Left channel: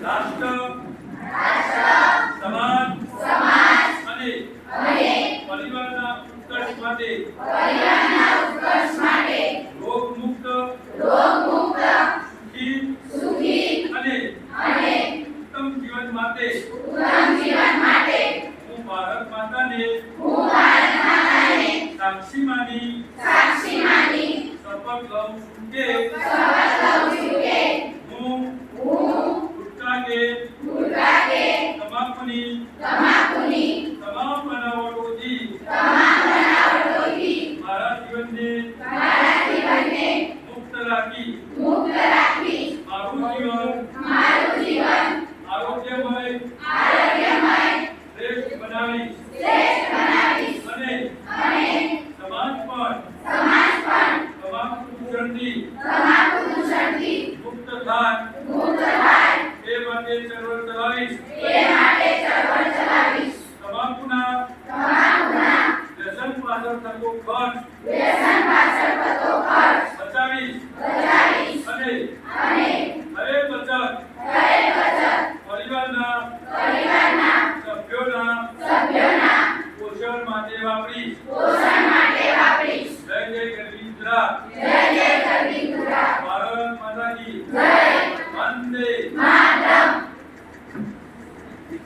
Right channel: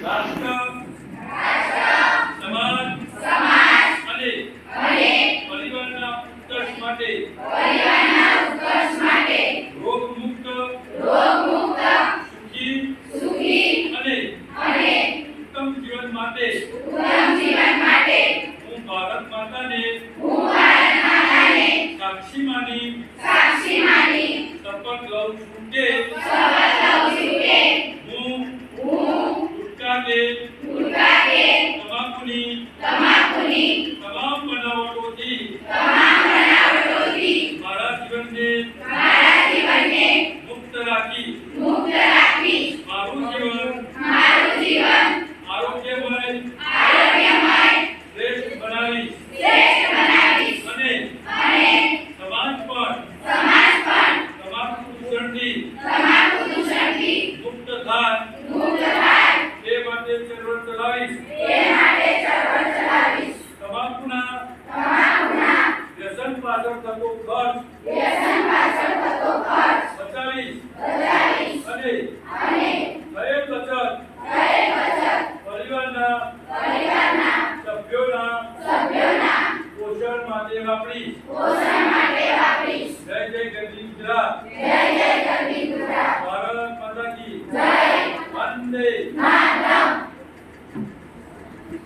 રાષ્ટ્ર સમાજ અને પરિવારના ઉત્કર્ષ માટે રોગ મુક્ત સુખી અને ઉત્તમ જીવન માટે હું ભારત માતાને સાક્ષી માની શપથ લઉં છું કે હું ગુટખા કે તમાકુની તમામ બનાવટોથી મારા જીવનને મુક્ત રાખી મારું જીવન આરોગ્યમય શ્રેષ્ઠ બનાવીશ અને સમાજ પણ તમાકુ દૂષણથી મુક્ત થાય તે માટે ચળવળ ચલાવીશ તમાકુના વ્યસન પાછળ થતો ખર્ચ બચાવીશ અને